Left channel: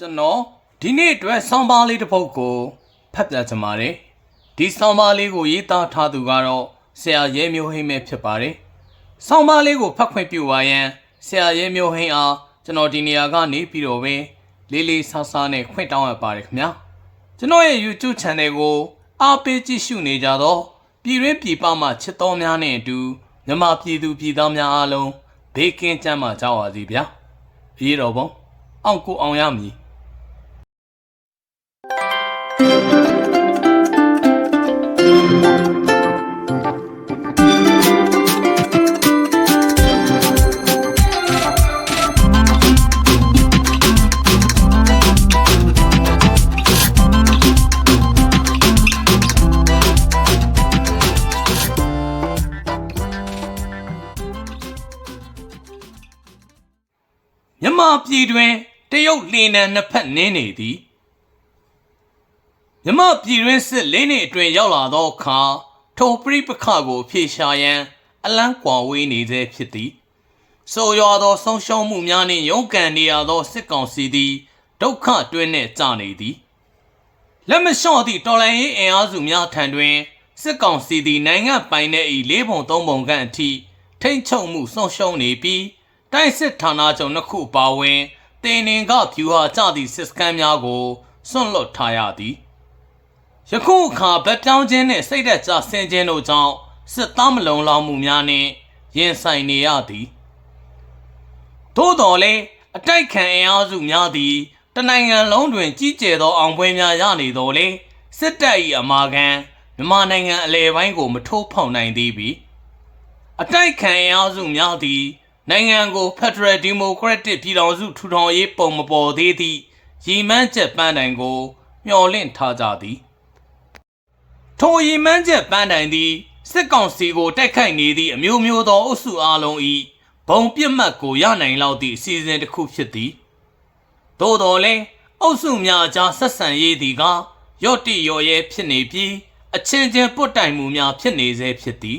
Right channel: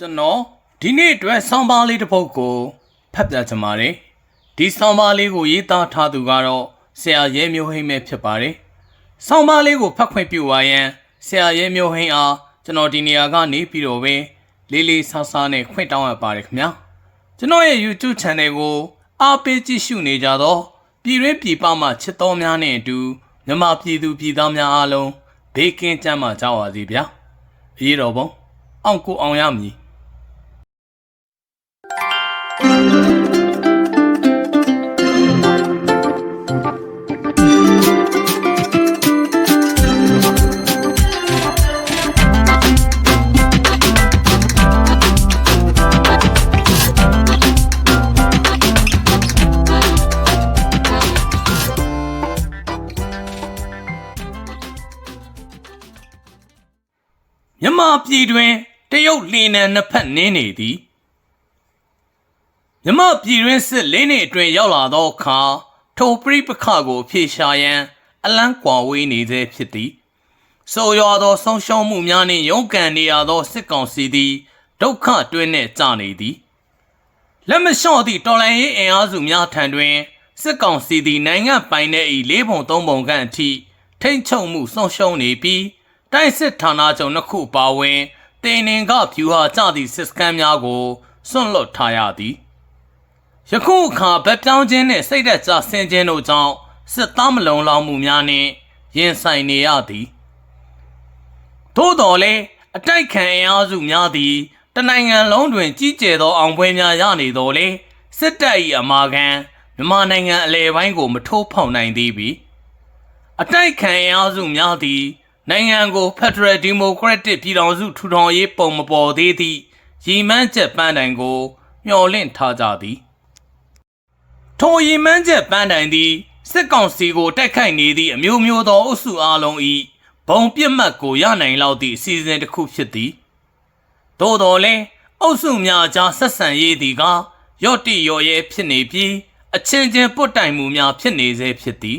ကျွန်တော်ဒီနေ့အတွက်ဆောင်းပါးလေးတစ်ပုဒ်ကိုဖတ်ပြချင်ပါတယ်ဒီဆောင်းပါးလေးကိုရေးသားထားသူကတော့ဆရာရဲမျိုးဟိမ့်ပဲဖြစ်ပါတယ်ဆောင်းပါးလေးကိုဖတ်ခွင့်ပြုပါရန်ဆရာရဲမျိုးဟိမ့်အားကျွန်တော်ဒီနေရာကနေပြီးတော့ပဲလေးလေးဆားဆားနဲ့ခွင့်တောင်းရပါတယ်ခင်ဗျာကျွန်တော်ရဲ့ YouTube Channel ကိုအားပေးကြည့်ရှုနေကြတော့ပြည်ရင်းပြည်ပမှချစ်တော်များနဲ့အတူမြန်မာပြည်သူပြည်သားများအားလုံးဘေးကင်းကြမှာကြောက်ပါစေဗျာအရေးတော်ပုံအောင်ကိုအောင်ရမည် မြမပြည်တွင်တရုတ်လင်းနံနှစ်ဖက်နင်းနေသည်မြမပြည်တွင်စစ်လင်းနေအတွင်ရောက်လာသောအခါထိုပြိပခကိုဖြေရှာရန် အလန်းကွာဝေးနေသေးဖြစ်သည်ဆိုရွာသောဆုံးရှုံးမှုများနှင့်ရုန်းကန်နေရသောစစ်ကောင်စီသည်ဒုက္ခတွင်းနှင့်ကြာနေသည်လက်မလျှော့သည့်တော်လှန်ရေးအင်အားစုများထံတွင်စစ်ကောင်စီသည်နိုင်ငံပိုင်တဲ့ဤလေးပုံသုံးပုံခန့်အထိထိမ့်ချုပ်မှုဆုံးရှုံးနေပြီး တိုက်စစ်ဌာနချုပ်နှစ်ခုပါဝင်တင်နင်ကဖြူဟာကြသည့်စစ်စခန်းများကိုစွန့်လွတ်ထားရသည်ယခုအခါဗက်ပြောင်းခြင်းနှင့်စိတ်သက်သာဆင်းခြင်းတို့ကြောင့်စစ်သားမလုံလောက်မှုများနှင့်ရင်ဆိုင်နေရသည်သို့တော်လည်းအတိုက်ခံအင်အားစုများသည်တနိုင်ငံလုံးတွင်ကြီးကျယ်သောအောင်ပွဲများရနေတော်လေစစ်တပ်၏အမာခံမြန်မာနိုင်ငံအလဲပိုင်းကိုမထိုးဖောက်နိုင်သေးပြီအတိုက်ခံအင်အားစုများသည် နိုင်ငံကို Federal Democratic ပြည်ထောင်စုထူထောင်ရေးပုံမပေါ်သေးသည့်ရည်မှန်းချက်ပန်းတိုင်ကို မျှော်လင့်ထားကြသည်ထိုရည်မှန်းချက်ပန်းတိုင်သည်စစ်ကောင်စီကိုတိုက်ခိုက်နေသည့်အမျိုးမျိုးသောအုပ်စုအလုံး၏ဘုံပြစ်မှတ်ကိုရနိုင်လောက်သည့်အစီအစဉ်တစ်ခုဖြစ်သည်သို့တော်လည်းအုပ်စုများကြားဆက်ဆံရေးသည်ကရော့တိရော်ရဲဖြစ်နေပြီးအချင်းချင်းပုတ်တိုင်မှုများဖြစ်နေစေဖြစ်သည်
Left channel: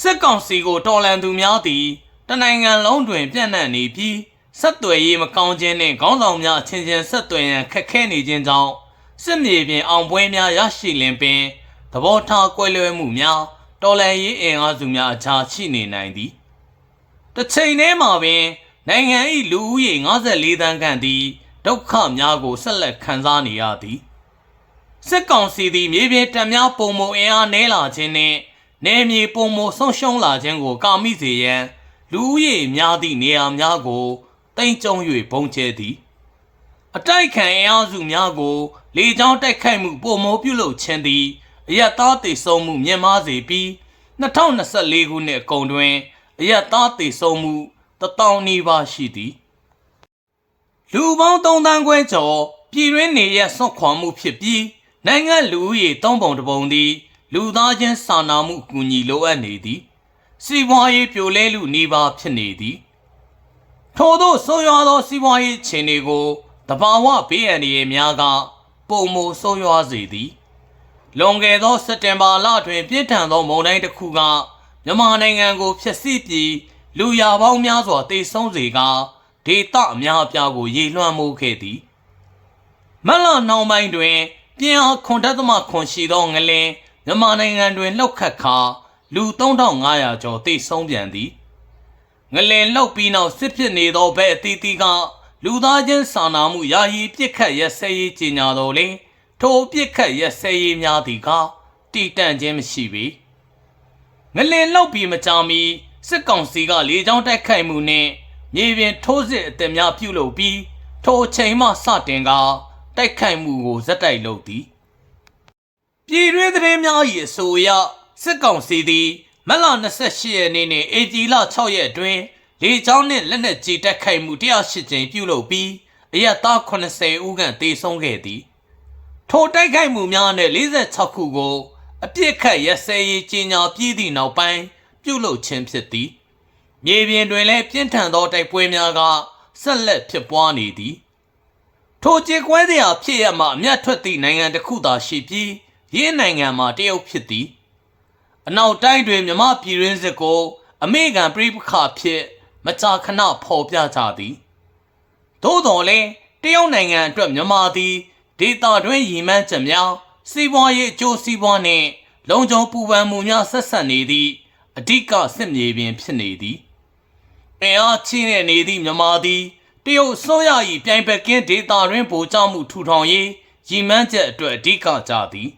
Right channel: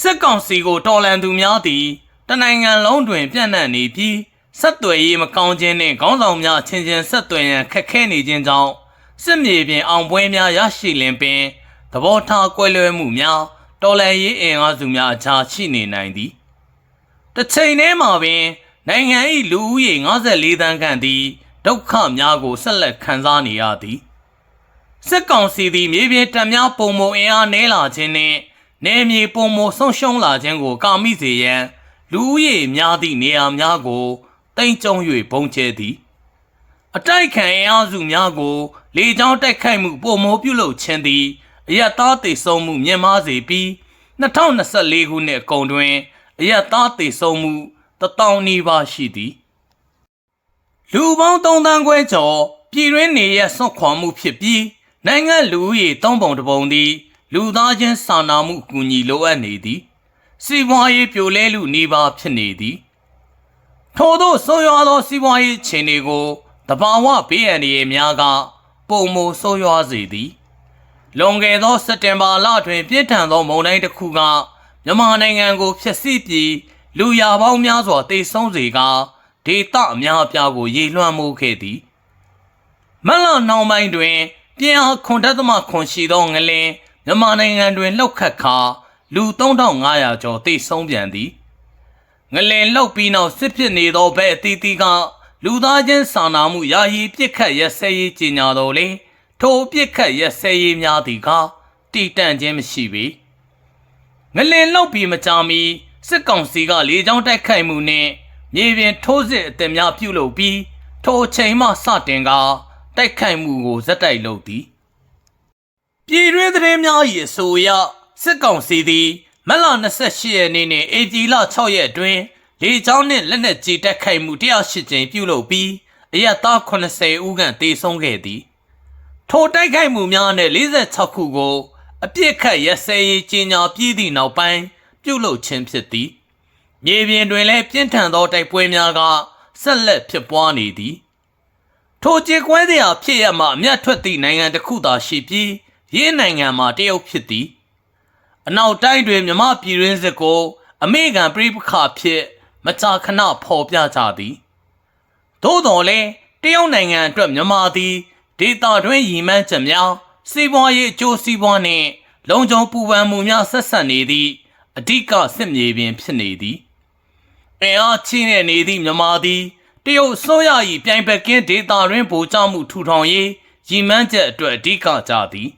စစ်ကောင်စီကိုတော်လန်သူများသည် တနိုင်ငံလုံးတွင်ပြန့်နှံ့နေပြီးဆက်သွယ်ရေးမကောင်းခြင်းနှင့်ခေါင်းဆောင်များအချင်းချင်းဆက်သွယ်ရန်ခက်ခဲနေခြင်းကြောင့်စစ်မြေပြင်အောင်ပွဲများရရှိလင်ပင်သဘောထားကွဲလွဲမှုများတော်လှန်ရေးအင်အားစုများအကြားရှိနေနိုင်သည်တစ်ချိန်တည်းမှာပင်နိုင်ငံ၏လူဦးရေ54တန်းခန့်သည်ဒုက္ခများကိုဆက်လက်ခံစားနေရသည်စစ်ကောင်စီသည်မြေပြင်တပ်များပုံမအင်အားနည်းလာခြင်းနှင့်နယ်မြေပုံမဆုံးရှုံးလာခြင်းကိုကာမိစေရန် လူဦးရေများသည့်နေရာများကိုတိမ့်ကြုံ၍ပုံကျဲသည်အတိုက်ခံအင်အားစုများကို လေကြောင်းတိုက်ခိုက်မှုပုံမိုးပြုလုပ်ခြင်းသည်အယက်သားတေဆုံးမှုမြင့်မားစေပြီး2024ခုနှစ်အကုန်တွင်အယက်သားတေဆုံးမှု1000နီးပါးရှိသည်လူပေါင်း3တန်းခွဲကျော်ပြည်တွင်းနေရဆွတ်ခွာမှုဖြစ်ပြီးနိုင်ငံလူဦးရေ3ပုံတစ်ပုံသည် လူသားချင်းစာနာမှုအကူအညီလိုအပ်နေသည် စီးပွားရေးပြိုလဲလူနေပါဖြစ်နေသည်ထို့သောဆိုးရွားသောစီးပွားရေးခြေအနေကိုတဘာဝဘေးအန္တရာယ်များကပုံမဆိုးရွားစေသည်လွန်ခဲ့သောစက်တင်ဘာလတွင်ပြင်းထန်သောမုန်တိုင်းတစ်ခုကမြန်မာနိုင်ငံကိုဖျက်ဆီးပြီးလူရာပေါင်းများစွာတိတ်ဆုံးစေကဒေသအများအပြားကိုရေလွှမ်းမိုးခဲ့သည်မလနှောင်းပိုင်းတွင် ပြင်းအားခွန်တက်သမခွန်ရှိသောငလင်မြန်မာနိုင်ငံတွင်လှုပ်ခတ်ခါ လူ3500ကျော်တိတ်ဆုံးပြန်သည်ငလင်လောက်ပြီးနောက်စစ်ဖြစ်နေသောဘဲအသီးသီးကလူသားချင်းစာနာမှုယာယီပြစ်ခတ်ရက်စဲရေးကြီးညာတော်လေထိုပြစ်ခတ်ရက်စဲရေးများသည်ကတိတန့်ခြင်းမရှိပေငလင်လောက်ပြီးမကြမီစစ်ကောင်စီကလေကြောင်းတိုက်ခိုက်မှုနှင့်မြေပြင်ထိုးစစ်အသစ်များပြုလုပ်ပြီးထိုအချိန်မှစတင်ကတိုက်ခိုက်မှုကိုဇက်တိုက်လုပ်သည်ပြည်တွင်းသတင်းများ၏အဆိုအရ စစ်ကောင်စီသည်မက်လ28ရက်နေ့နှင့်ဧပြီလ6ရက်အတွင်းလေကြောင်းနှင့်လက်နက်ကြီးတိုက်ခိုက်မှု108ကြိမ်ပြုလုပ်ပြီးအရက်သား80ဦးခန့်တေဆုံးခဲ့သည်ထိုတိုက်ခိုက်မှုများနှင့်46ခုကိုအပြစ်ခတ်ရက်စဲရေးကြီးညာပြည်သည့်နောက်ပိုင်းပြုလုပ်ခြင်းဖြစ်သည်မြေပြင်တွင်လည်းပြင်းထန်သောတိုက်ပွဲများကဆက်လက်ဖြစ်ပွားနေသည်ထိုကြေကွဲစရာဖြစ်ရမှအမျက်ထွက်သည့်နိုင်ငံတစ်ခုသာရှိပြီးရင်းနိုင်ငံမှာတရုတ်ဖြစ်သည် အနောက်တိုင်းတွင်မြမပြည်ရင်းစစ်ကို အမေရိကန်ပြည်ပခါဖြစ်မကြာခဏဖော်ပြကြသည်သို့တော်လည်းတရုတ်နိုင်ငံအတွက်မြန်မာသည်ဒေသတွင်းရည်မှန်းချက်များစီးပွားရေးအကျိုးစီးပွားနှင့်လုံခြုံပူပန်မှုများဆက်ဆက်နေသည့်အဓိကစစ်မြေပြင်ဖြစ်နေသည်အင်အားချင်းနဲ့နေသည့်မြန်မာသည်တရုတ်အစိုးရ၏ပြိုင်ဘက်ကင်းဒေသတွင်းဗိုလ်ချမှုထူထောင်ရေးရည်မှန်းချက်အတွက်အဓိကကြသည်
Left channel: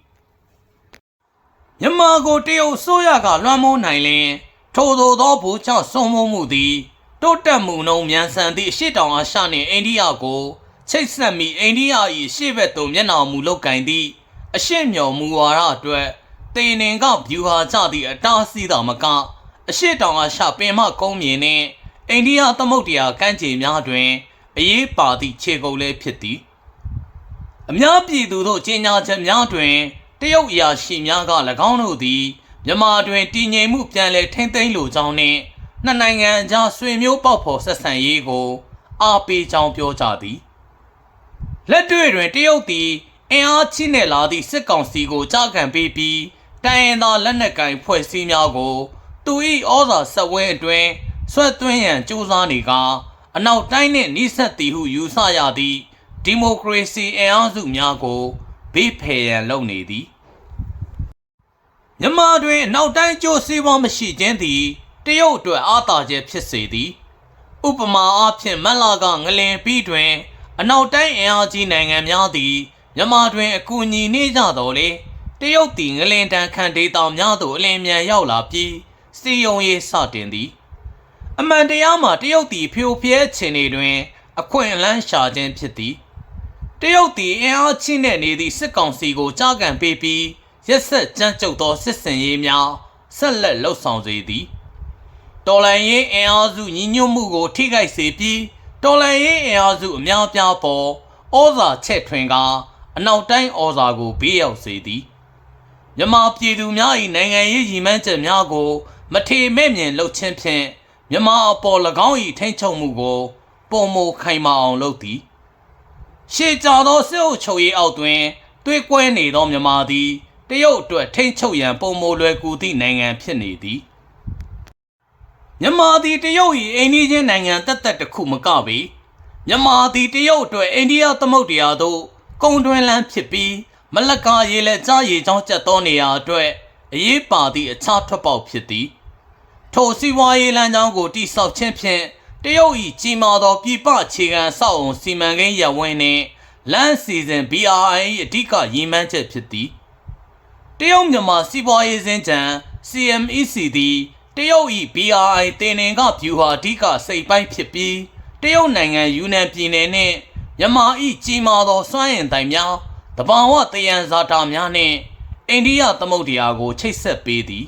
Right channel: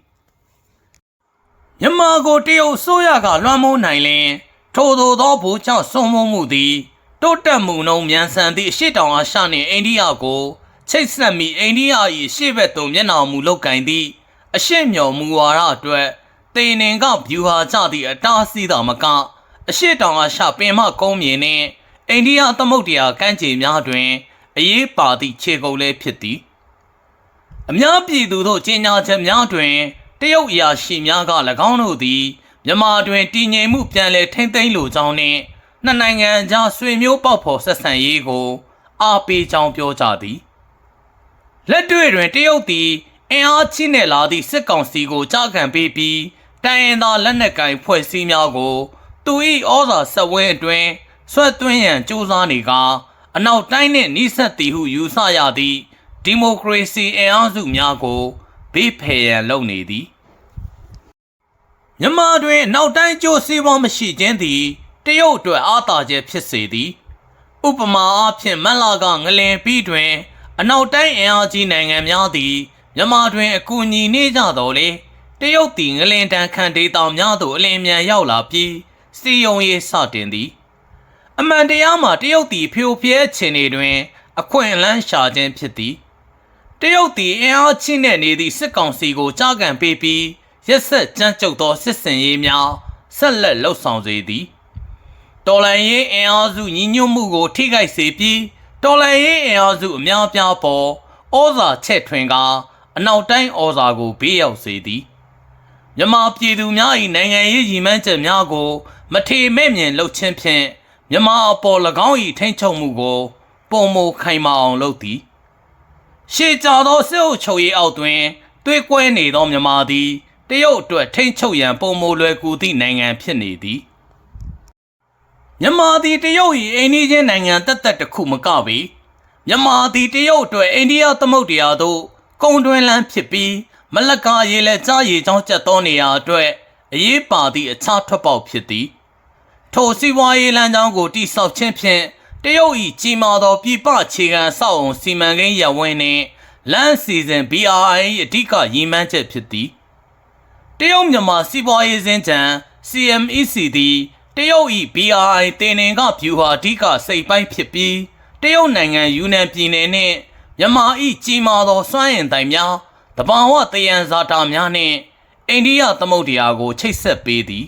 မြန်မာကိုတရုတ်ဆိုရကလွှမ်းမိုးနိုင်လင်ထိုသို့သောဘူချဆုံးမမှုသည်တိုးတက်မှုနှုံမြန်ဆန်သည့်အရှိတောင်အာရှနှင့်အိန္ဒိယကိုချိတ်ဆက်မိအိန္ဒိယ၏ရှေ့ဘက်သို့မျက်နှာမူလောက်ကင်သည့်အရှိမြော်မူဝါဒအတွက်တေနင်ကဗျူဟာကျသည့်အတားအဆီးတော်မကအရှိတောင်အာရှပင်မကုန်းမြေနှင့်အိန္ဒိယသမုဒ္ဒရာကမ်းခြေများတွင်အရေးပါသည့်ခြေကုပ်လည်းဖြစ်သည်အများပြည်သူတို့ကြေညာချက်များတွင် တရုတ်အရာရှိများက၎င်းတို့သည်မြန်မာတွင်တည်ငြိမ်မှုပြန်လည်ထိမ့်သိမ်းလိုကြောင်းနှင့်နှစ်နိုင်ငံကြားဆွေမျိုးပေါက်ဖော်ဆက်ဆံရေးကိုအားပေးကြောင်းပြောကြသည်လက်တွေ့တွင်တရုတ်သည်အင်အားကြီးနေလာသည့်စစ်ကောင်စီကိုကြားခံပေးပြီးတိုင်းရင်းသားလက်နက်ကိုင်ဖွဲ့စည်းများကို သူ၏ဩဇာဆက်ဝဲအတွင်းဆွတ်သွင်းရန်ကြိုးစားနေကာအနောက်တိုင်းနှင့်နှိစက်သည်ဟုယူဆရသည့်ဒီမိုကရေစီအင်အားစုများကို ဘေးဖယ်ရန်လုပ်နေသည်မြန်မာတွင်အနောက်တိုင်းကျိုးစီးပွားမရှိခြင်းသည်တရုတ်အတွက်အားသာချက်ဖြစ်စေသည်ဥပမာအားဖြင့်မန်လာကငလင်ပြီးတွင် အနောက်တိုင်းအင်အားကြီးနိုင်ငံများသည်မြန်မာတွင်အကူအညီနေကြတော်လေတရုတ်သည်ငလင်တန်ခံဒေသများသို့အလင်းမြန်ရောက်လာပြီးစီယုံရေးစတင်သည် အမှန်တရားမှာတရုတ်သည်ဖျို့ဖျဲခြင်းတွေတွင် အခွင့်အလမ်းရှာခြင်းဖြစ်သည် တရုတ်သည်အင်အားချင်းနဲ့နေသည့်စစ်ကောင်စီကိုကြားကန်ပေးပြီးရက်ဆက်ကြမ်းကြုတ်သောစစ်စင်ရေးများဆက်လက်လှုပ်ဆောင်စေသည်တော်လန်ရေးအင်အားစုညီညွတ်မှုကို ထိခိုက်စေပြီးတော်လန်ရေးအင်အားစုအများအပြားပေါ်ဩဇာချက်ထွင်ကာအနောက်တိုင်းဩဇာကိုဘေးရောက်စေသည်မြန်မာပြည်သူများ၏နိုင်ငံရေးရည်မှန်းချက်များကို မထေမဲ့မြင်လှုပ်ခြင်းဖြင့်မြန်မာအပေါ်၎င်း၏ထိန်းချုပ်မှုကိုပုံမခိုင်မာအောင်လုပ်သည် ရှေ့ကြသောစစ်အုပ်ချုပ်ရေးအောက်တွင်တွေးကွဲနေသောမြန်မာသည်တရုတ်အတွက်ထိန်းချုပ်ရန်ပုံမလွယ်ကူသည့်နိုင်ငံဖြစ်နေသည်မြန်မာသည်တရုတ်၏အိန္ဒိယနိုင်ငံတက်တက်တစ်ခုမကပေမြန်မာသည်တရုတ်အတွက်အိန္ဒိယသမုဒ္ဒရာသို့ကုန်တွင်လန်းဖြစ်ပြီးမလက္ကာရေလက်ကြားရေချောင်းကျက်သောနေရာအတွက်အရေးပါသည့်အခြားထွက်ပေါက်ဖြစ်သည်ထိုစီးပွားရေးလမ်းကြောင်းကိုတိဆောက်ခြင်းဖြင့် တရုတ်၏ကြီးမားသောပြည်ပအခြေခံအဆောက်အုံစီမံကိန်းရပ်ဝန်းနှင့်လမ်းစီစဉ် BRI ၏အဓိကရည်မှန်းချက်ဖြစ်သည်တရုတ်မြန်မာစီးပွားရေးစင်ကြံ CMEC သည်တရုတ်၏ BRI တင်နင်ကဗျူဟာအဓိကစိတ်ပိုင်းဖြစ်ပြီးတရုတ်နိုင်ငံယူနန်ပြည်နယ်နှင့်မြန်မာ၏ကြီးမားသောစွမ်းအင်တိုင်များတဘာဝတယံဇာတာများနှင့်အိန္ဒိယသမုဒ္ဒရာကိုချိတ်ဆက်ပေးသည်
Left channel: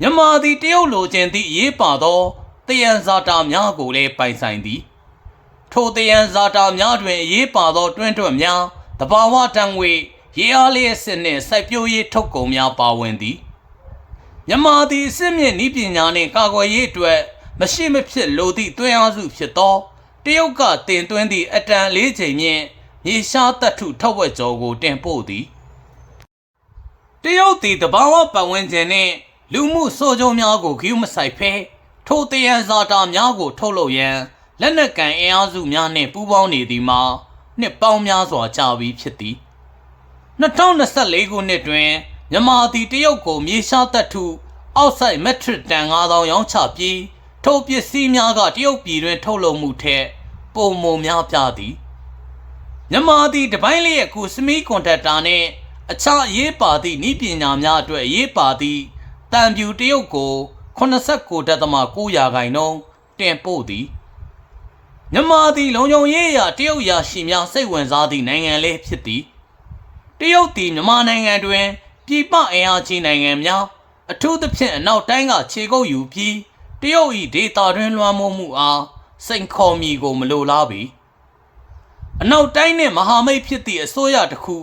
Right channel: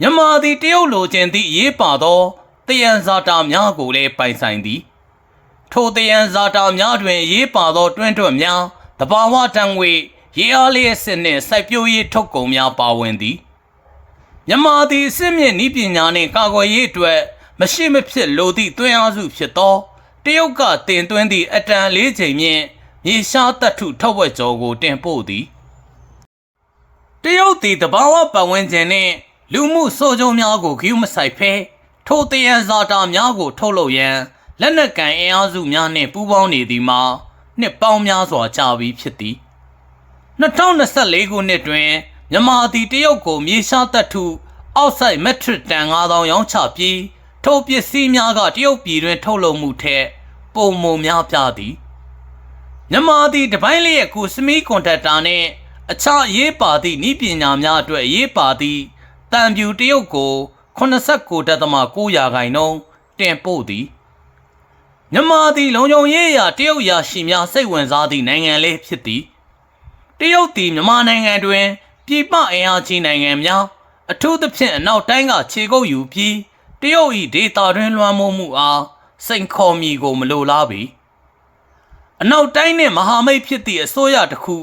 မြန်မာသည်တရုတ်လိုချင်သည့်အရေးပါသောတ ယံဇာတာများကိုလည်းပိုင်ဆိုင်သည် ထိုတယံဇာတာများတွင်အရေးပါသောတွင်းတွက်များတဘာဝတံငွေရေအားလျက်စစ်နှင့်စိုက်ပျိုးရေးထုတ်ကုန်များပါဝင်သည်မြန်မာသည်အစစ်မြင့်ဤပညာနှင့်ကာကွယ်ရေးအတွက်မရှိမဖြစ်လိုသည့်တွင်းအားစုဖြစ်သောတရုတ်ကတင်သွင်းသည့်အတန်လေးချိန်မြင့်မြေရှားတပ်ထုထုတ်ဝက်ကြောကိုတင်ပို့သည်တရုတ်သည်တဘာဝပတ်ဝန်းကျင်နှင့်လူမှုဆိုးကျိုးများကိုဂရုမစိုက်ဖဲ ထိုတယံဇာတာများကို ထုတ်လုပ်ရန်လက်နက်ကန်အင်အားစုများနှင့်ပူးပေါင်းနေသည်မှာနှစ်ပေါင်းများစွာကြာပြီးဖြစ်သည်2024ခုနှစ်တွင်မြန်မာသည်တရုတ်ကိုမြေရှားတပ်ထုအောက်ဆိုင်မက်ထရစ်တန်9000ရောင်းချပြီးထိုပစ္စည်းများကတရုတ်ပြည်တွင် ထုတ်လုပ်မှုထက်ပုံမုံများပြသည်မြန်မာသည်တပိုင်းလျက်ကိုစမီကွန်တက်တာနှင့်အခြားအရေးပါသည့်ဤပညာများအတွက်အရေးပါသည့်တံပြူတရုတ်ကို 89.9ရာခိုင်နှုန်းတင်ပို့သည်မြန်မာသည်လုံခြုံရေးအရာတရုတ်ရာရှိများစိတ်ဝင်စားသည့်နိုင်ငံလေးဖြစ်သည်တရုတ်သည်မြန်မာနိုင်ငံတွင်ပြည်ပအင်အားကြီးနိုင်ငံများအထူးသဖြင့်အနောက်တိုင်းကခြေကုပ်ယူပြီးတရုတ်၏ဒေတာတွင်လွှမ်းမိုးမှုအားစိန်ခေါ်မည်ကိုမလိုလားပေအနောက်တိုင်းနှင့်မဟာမိတ်ဖြစ်သည့်အစိုးရတစ်ခု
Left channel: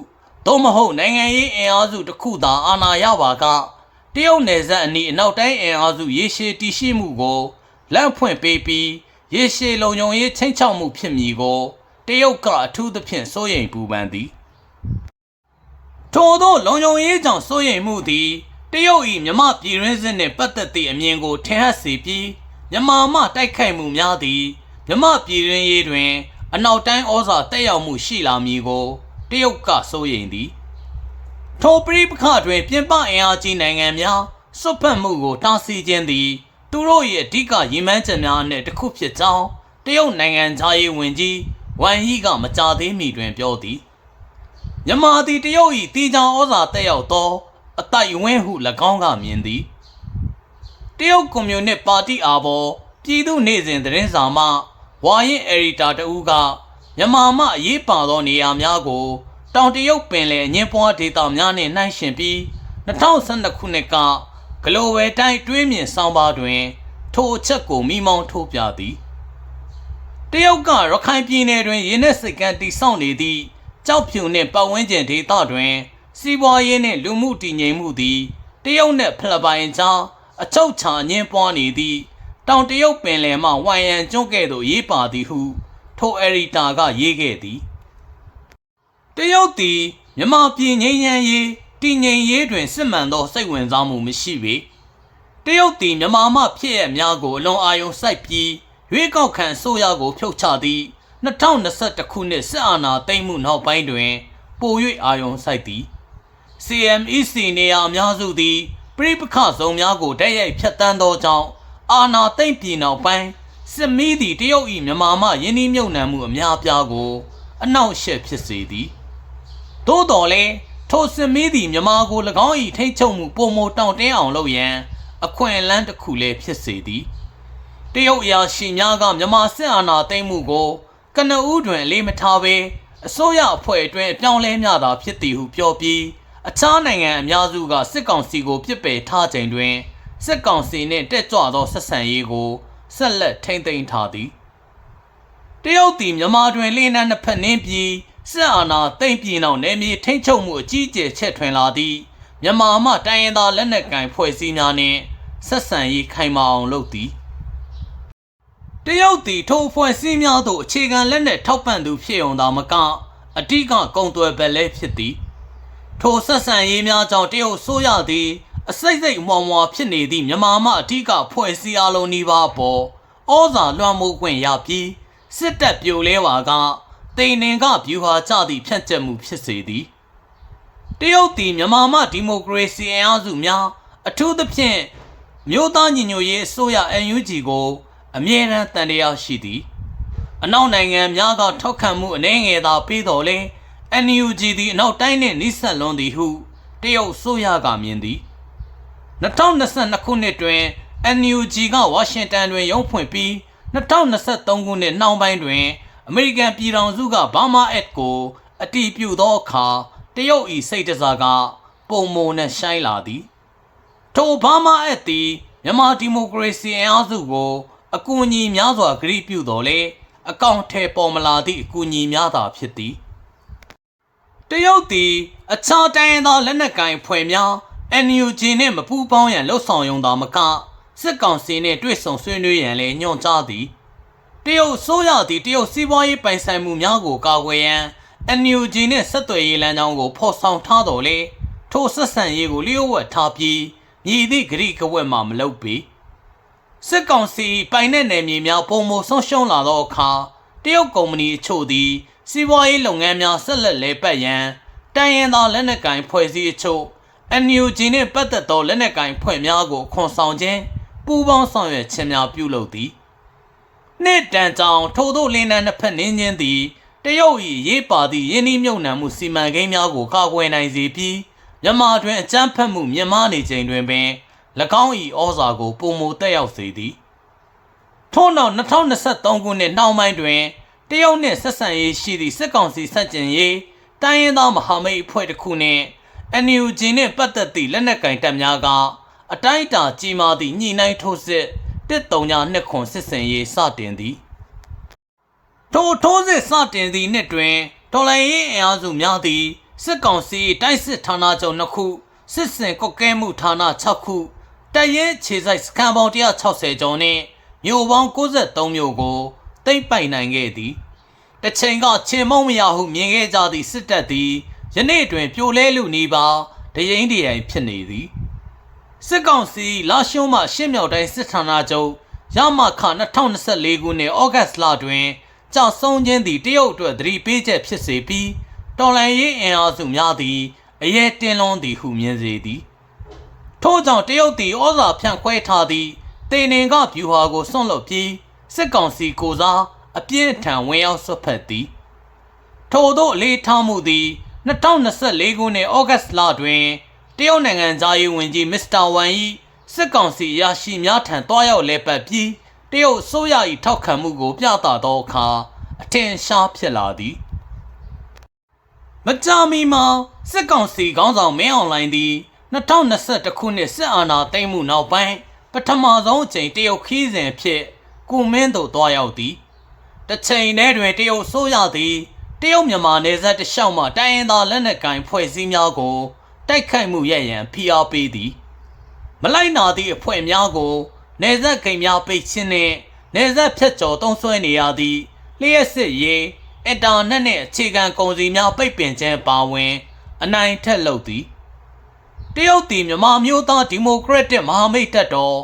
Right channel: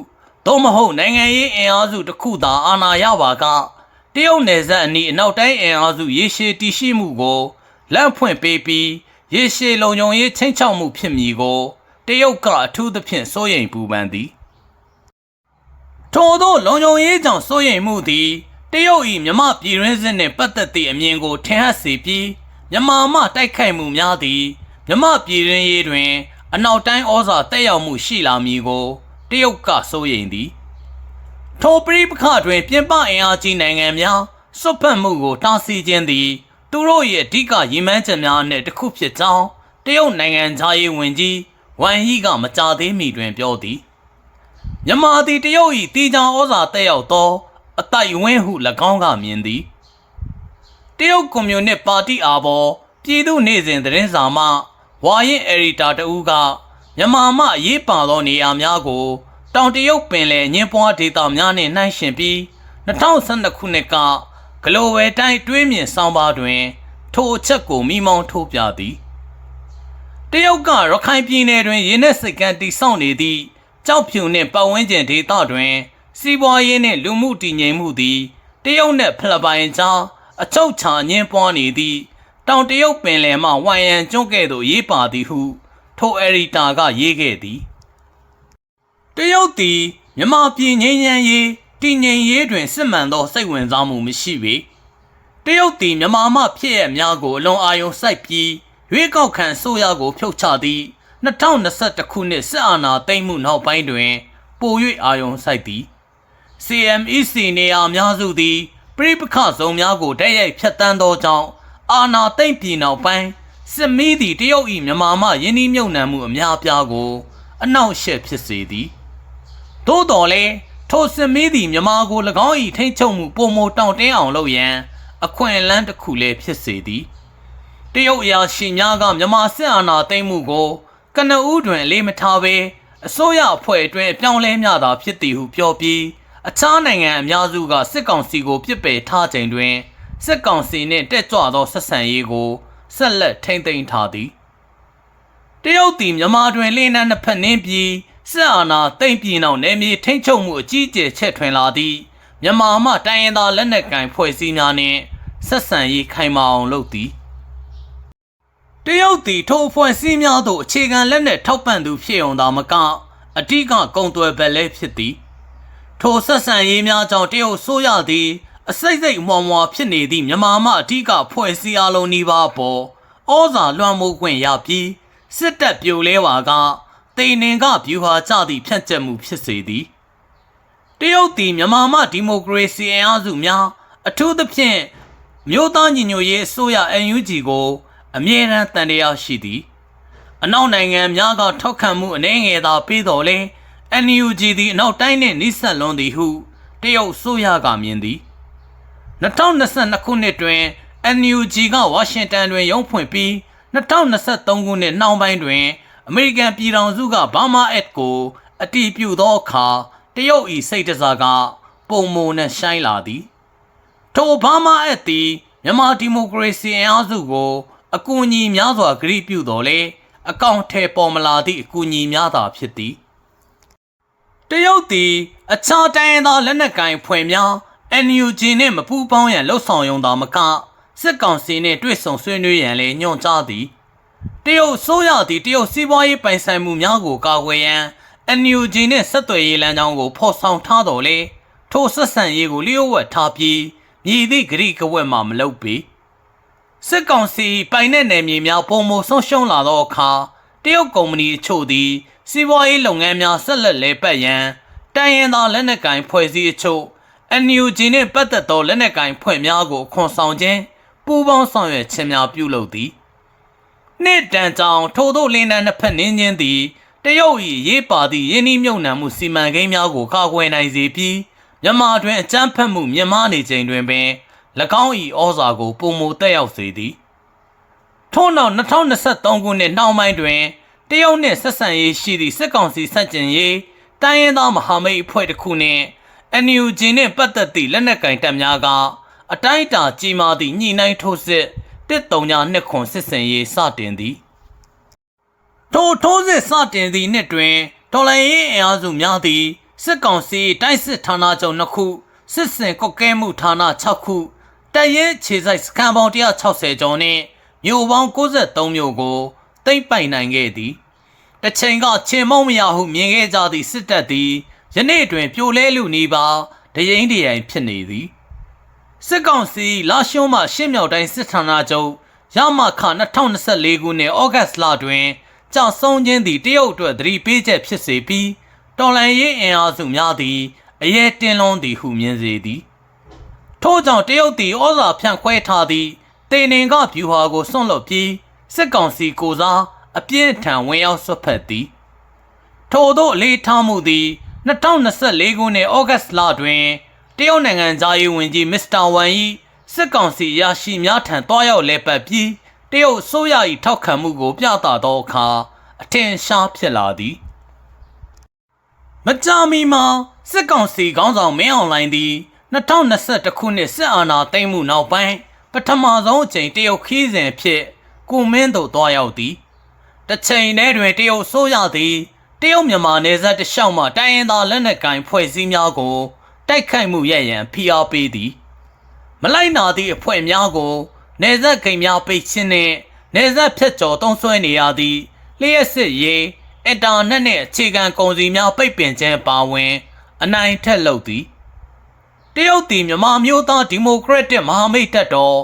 သို့မဟုတ်နိုင်ငံရေးအင်အားစုတစ်ခုသာအာဏာရပါက တရုတ်နယ်စပ်အနီးအနောက်တိုင်းအင်အားစုရေရှည်တည်ရှိမှုကိုလက်ဖွင့်ပေးပြီးရေရှည်လုံခြုံရေးချင်းချောက်မှုဖြစ်မည်ကိုတရုတ်ကအထူးသဖြင့်စိုးရိမ်ပူပန်သည်ထို့သောလုံခြုံရေးကြောင့်စိုးရိမ်မှုသည်တရုတ်၏မြမပြည်ရင်းစစ်နှင့်ပတ်သက်သည့်အမြင်ကိုထင်ဟပ်စေပြီးမြမမှတိုက်ခိုက်မှုများသည်မြမပြည်ရင်းရေးတွင် အနောက်တိုင်းဩဇာတက်ရောက်မှုရှိလာမည်ကိုတရုတ်ကစိုးရိမ်သည် ထိုပရိပခတွင်ပြင်ပအင်အားကြီးနိုင်ငံများစွတ်ဖက်မှုကိုတားဆီးခြင်းသည် သူတို့၏အဓိကရည်မှန်းချက်များနှင့်တစ်ခုဖြစ်ကြောင်းတရုတ်နိုင်ငံသားရေးဝန်ကြီးဝမ်ဟီကမကြာသေးမီတွင်ပြောသည်မြန်မာသည်တရုတ်၏တီချောင်ဩဇာတက်ရောက်သော အတိုက်ဝင်းဟု၎င်းကမြင်သည်တရုတ်ကွန်မြူနစ်ပါတီအားပေါ်ပြည်သူ့နေစဉ်သတင်းစာမှဝါရင်အယ်ဒီတာတဦးကမြန်မာမှအရေးပါသောနေရာများကို တောင်တရုတ်ပင်လယ်အငင်းပွားဒေသများနှင့်နှိုင်းယှဉ်ပြီး2012ခုနှစ်ကဂလိုဝယ်တိုင်းတွေးမြင်ဆောင်ပါတွင် ထိုအချက်ကိုမိမောင်းထိုးပြသည်တရုတ်ကရခိုင်ပြည်နယ်တွင်ရင်းနှက်စိတ်ကမ်းတည်ဆောက်နေသည့်ကြောက်ဖြူနှင့်ပတ်ဝန်းကျင်ဒေသတွင် စီးပွားရေးနှင့်လူမှုတည်ငြိမ်မှုသည်တရုတ်နှင့်ဖိလစ်ပိုင်ကြားအချုပ်ချာအငင်းပွားနေသည့်တောင်တရုတ်ပင်လယ်မှဝိုင်ယန်ကျွန်းကဲ့သို့ရေးပါသည်ဟု ထိုအယ်ရီတာကရေးခဲ့သည် တရုတ်သည်မြန်မာပြည်ငြိမ်းချမ်းရေးတည်ငြိမ်ရေးတွင်စစ်မှန်သောစိတ်ဝင်စားမှုမရှိပေတရုတ်သည်မြန်မာမှဖြစ်ရများကိုအလွန်အာရုံစိုက်ပြီးရွေးကောက်ခံဆိုရကိုဖြုတ်ချသည့်2021ခုနှစ်စစ်အာဏာသိမ်းမှုနောက်ပိုင်းတွင် ပို၍အာရုံစိုက်သည် CMEC နေရာအများစုသည်ပြိပခဇုံများကိုတိုက်ရိုက်ဖျက်ဆီးသောကြောင့်အာဏာသိမ်းပြည်နောက်ပိုင်းစစ်မီးသည်တရုတ်၏မြန်မာမှယင်းနှိမ့်မြုပ်နှံမှုအများအပြားကို အနောက်ရှက်ဖြစ်စေသည် သို့တော်လည်းထိုစင်မီးသည်မြမာကို၎င်း၏ထိတ်ချုပ်မှုပုံမတောင့်တင်းအောင်လုပ်ရန်အခွင့်အလမ်းတစ်ခုလည်းဖြစ်စေသည်တရုတ်အရာရှိများကမြမာစစ်အာဏာသိမ်းမှုကိုကနဦးတွင်အလေးမထားဘဲအစိုးရအဖွဲ့အတွင်းအပြောင်းလဲများသာဖြစ်သည်ဟုပြောပြီးအခြားနိုင်ငံအများစုကစစ်ကောင်စီကိုပြစ်ပယ်ထားချိန်တွင်စစ်ကောင်စီနှင့်တက်ကြွသောဆက်ဆံရေးကိုဆက်လက်ထိန်းသိမ်းထားသည်တရုတ်သည်မြန်မာတွင်လင်းနှန်းနှစ်ဖက်နှင်းပြီး စစ်အာဏာသိမ်းပြီးနောက်နယ်မြေထိန်းချုပ်မှုအကြီးအကျယ်ချက်ထွင်လာသည့်မြန်မာမှတိုင်းရင်းသားလက်နက်ကိုင်ဖွဲ့စည်းများနှင့်ဆက်ဆံရေးခိုင်မာအောင်လုပ်သည်တရုတ်သည်ထိုအဖွဲ့အစည်းများသို့အခြေခံလက်နက်ထောက်ပံ့သူဖြစ်ုံသာမကအဓိကကုန်သွယ်ဘက်လည်းဖြစ်သည်ထိုဆက်ဆံရေးများကြောင့်တရုတ်ဆိုရသည် အစိတ်စိတ်အမွာမွာဖြစ်နေသည့်မြန်မာမှအဓိကဖွဲ့စည်းအလုံးနီးပါးပေါ်ဩဇာလွှမ်းမိုးခွင့်ရပြီးစစ်တပ်ပြိုလဲပါက တိန်နင်ကဗျူဟာကျသည့်ဖြန့်ကျက်မှုဖြစ်စေသည်တရုတ်သည်မြန်မာမှဒီမိုကရေစီအင်အားစုများအထူးသဖြင့်မြို့သားညီညွတ်ရေးအစိုးရ NUG ကိုအမြဲတမ်းတန်တရားရှိသည်အနောက်နိုင်ငံများကထောက်ခံမှုအနေငယ်သာပေးတော်လဲ NUG သည်အနောက်တိုင်းနှင့်နှိစက်လွန်သည်ဟုတရုတ်ဆိုရကမြင်သည်2022ခုနှစ်တွင် NUG ကဝါရှင်တန်တွင်ရုံးဖွင့်ပြီး2023ခုနှစ်နှောင်းပိုင်းတွင် အမေရိကန်ပြည်ထောင်စုကဘာမာအက်ကိုအတည်ပြုသောအခါတရုတ်၏စိတ်တစားကပုံမုံနဲ့ရှိုင်းလာသည်ထိုဘာမာအက်သည်မြန်မာဒီမိုကရေစီအင်အားစုကိုအကူအညီများစွာဂရုပြုတော်လဲအကောင့်ထဲပေါ်မလာသည့်အကူအညီများသာဖြစ်သည်တရုတ်သည်အခြားတိုင်းရင်းသားလက်နက်ကိုင်ဖွဲ့များ NUG နှင့်မပူးပေါင်းရန်လှုံ့ဆော်ရုံသာမကစစ်ကောင်စီနှင့်တွေ့ဆုံဆွေးနွေးရန်လည်းညွှန်ကြားသည် တရုတ်ဆိုရသည်တရုတ်စီးပွားရေးပိုင်ဆိုင်မှုများကိုကာကွယ်ရန် NUG နှင့်ဆက်သွယ်ရေးလမ်းကြောင်းကိုဖော်ဆောင်ထားတော်လဲထိုဆက်ဆံရေးကိုလျှို့ဝှက်ထားပြီးမြည်သည့်ဂရိကဝက်မှမလုပ်ပေစစ်ကောင်စီပိုင်တဲ့နယ်မြေများပုံမဆုံးရှုံးလာသောအခါတရုတ်ကုမ္ပဏီအချို့သည်စီးပွားရေးလုပ်ငန်းများဆက်လက်လဲပတ်ရန်တိုင်းရင်းသားလက်နက်ကိုင်ဖွဲ့စည်းအချို့ NUG နှင့်ပတ်သက်သောလက်နက်ကိုင်ဖွဲ့များကိုခွန်ဆောင်ခြင်းပူးပေါင်းဆောင်ရွက်ခြင်းများပြုလုပ်သည် နှစ်တန်ကြောင်ထိုသို့လင်းနှန်းနှစ်ဖက်နင်းခြင်းသည်တရုတ်၏ရေးပါသည့်ယင်းနှီးမြုပ်နှံမှုစီမံကိန်းများကိုကာကွယ်နိုင်စေပြီးမြန်မာတွင်အကြမ်းဖက်မှုမြင့်မားနေချိန်တွင်ပင်၎င်း၏ဩဇာကိုပုံမတက်ရောက်စေသည်ထို့နောက်2023ခုနှစ်နှောင်းပိုင်းတွင်တရုတ်နှင့်ဆက်ဆံရေးရှိသည့်စစ်ကောင်စီဆန့်ကျင်ရေးတိုင်းရင်းသားမဟာမိတ်အဖွဲ့တစ်ခုနှင့် NUG နှင့်ပတ်သက်သည့်လက်နက်ကင်တပ်များကအတိုင်းအတာကြီးမားသည့်ညှိနှိုင်းထိုးစစ် 139ခွန်စစ်စင်ရေးစတင်သည်ထိုထိုးစစ်စတင်သည့်နှစ်တွင်ဒေါ်လာရေးအင်အားစုများသည်စစ်ကောင်စီတိုက်စစ်ဌာနချုပ်2ခုစစ်စင်ကွက်ကဲမှုဌာန6ခုတပ်ရဲခြေစိုက်စခန်းပေါင်း160ကျော်နှင့်မြို့ပေါင်း63မြို့ကိုသိမ်းပိုက်နိုင်ခဲ့သည်တစ်ချိန်ကချင်မုံမရဟုမြင်ခဲ့ကြသည့်စစ်တပ်သည်ယနေ့တွင်ပြိုလဲလူနေပါတရင်တရိုင်ဖြစ်နေသည် စစ်ကောင်စီလာရှုံးမှရှင်းမြောက်တိုင်းစစ်ဌာနချုပ်ရမခ2024ခုနှစ်ဩဂတ်လတွင်ကြောက်ဆုံးခြင်းသည်တရုတ်အတွက်သတိပေးချက်ဖြစ်စေပြီးတော်လန်ရေးအင်အားစုများသည်အရေးတင်လွန်သည်ဟုမြင်စေသည်ထို့ကြောင့်တရုတ်သည်ဩဇာဖြန့်ခွဲထားသည့်တေနင်ကဗျူဟာကိုစွန့်လွတ်ပြီးစစ်ကောင်စီကိုစားအပြင်းထန်ဝင်ရောက်ဆွတ်ဖက်သည်ထို့သောအလေးထားမှုသည်2024ခုနှစ်ဩဂတ်လတွင် တရုတ်နိုင်ငံသားရေးဝန်ကြီးမစ္စတာဝမ်၏စစ်ကောင်စီရရှိများထံတွားရောက်လဲပတ်ပြီးတရုတ်ဆိုးရ၏ထောက်ခံမှုကို ပြသသောအခါအထင်ရှားဖြစ်လာသည်မကြာမီမှာစစ်ကောင်စီခေါင်းဆောင်မင်းအောင်လှိုင်သည်2021ခုနှစ်စစ်အာဏာသိမ်းမှုနောက်ပိုင်းပထမဆုံးအကြိမ်တရုတ်ခီးစဉ်ဖြစ်ကိုမင်းတို့တွားရောက်သည်တစ်ချိန်တည်းတွင်တရုတ်ဆိုးရသည်တရုတ်မြန်မာနယ်စပ်တစ်လျှောက်မှတိုင်းရင်းသားလက်နက်ကိုင်ဖွဲ့စည်းများကို တိုက်ခိုက်မှုရရန်ဖိအားပေးသည် မလိုက်နာသည့်အဖွဲ့များကိုနယ်စပ်ဂိမ်းများပိတ်ခြင်းနှင့်နယ်စပ်ဖြတ်ကျော်တုံးဆွဲနေရသည့်လျှက်စစ်ရေးအင်တာနက်နှင့်အခြေခံကုန်စည်များပိတ်ပင်ခြင်းပါဝင် အနိုင်ထက်လုပ်သည်တရုတ်တီမြန်မာမျိုးသားဒီမိုကရက်တစ်မဟာမိတ်တပ်တော်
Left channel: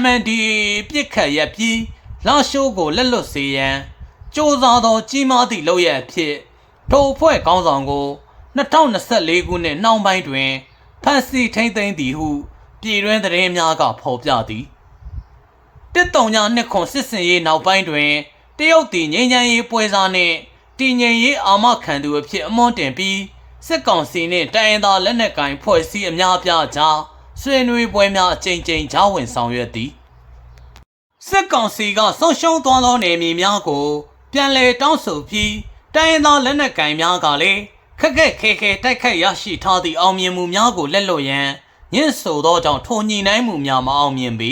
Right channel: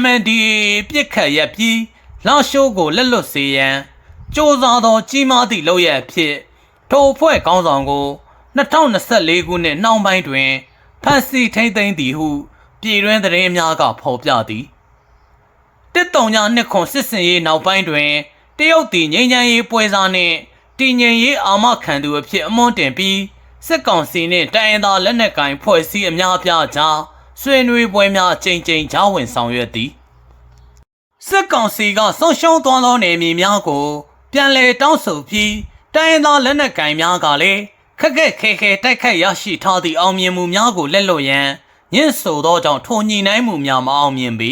MNDAA ပြစ်ခတ်ရပ်ပြီးလာရှိုးကိုလက်လွတ်စေရန်စ조사သောကြီးမားသည့်လုပ်ရအဖြစ်ထိုအဖွဲ့ခေါင်းဆောင်ကို 2024ခုနှစ်နှောင်းပိုင်းတွင်ဖမ်းဆီးထိန်းသိမ်းသည်ဟု ပြည်တွင်းသတင်းများကဖော်ပြသည်တစ်တုံညာနှစ်ခွန်စစ်စင်ရေးနောက်ပိုင်းတွင်တရုတ်တီငိမ့်ချမ်းရေးပွဲစားနှင့်တည်ငြိမ်ရေးအာမခံသူအဖြစ်အမွန်းတင်ပြီးစစ်ကောင်စီနှင့်တိုင်းရင်းသားလက်နက်ကိုင်ဖွဲ့စည်းအများအပြားကြားဆွေးနွေးပွဲများအကြိမ်ကြိမ်ကြားဝင်ဆောင်ရွက်သည်စစ်ကောင်စီကဆုံးရှုံးသွားသောနေမြေများကို ပြန်လည်တောင်းဆိုပြီးတိုင်းရင်းသားလက်နက်ကိုင်များကလည်း ခက်ခက်ခဲခဲတိုက်ခိုက်ရရှိထားသည့်အောင်မြင်မှုများကိုလက်လွတ်ရန်ညှင့်ဆိုသောကြောင့်ထိုညီနိုင်မှုများမအောင်မြင်ပေ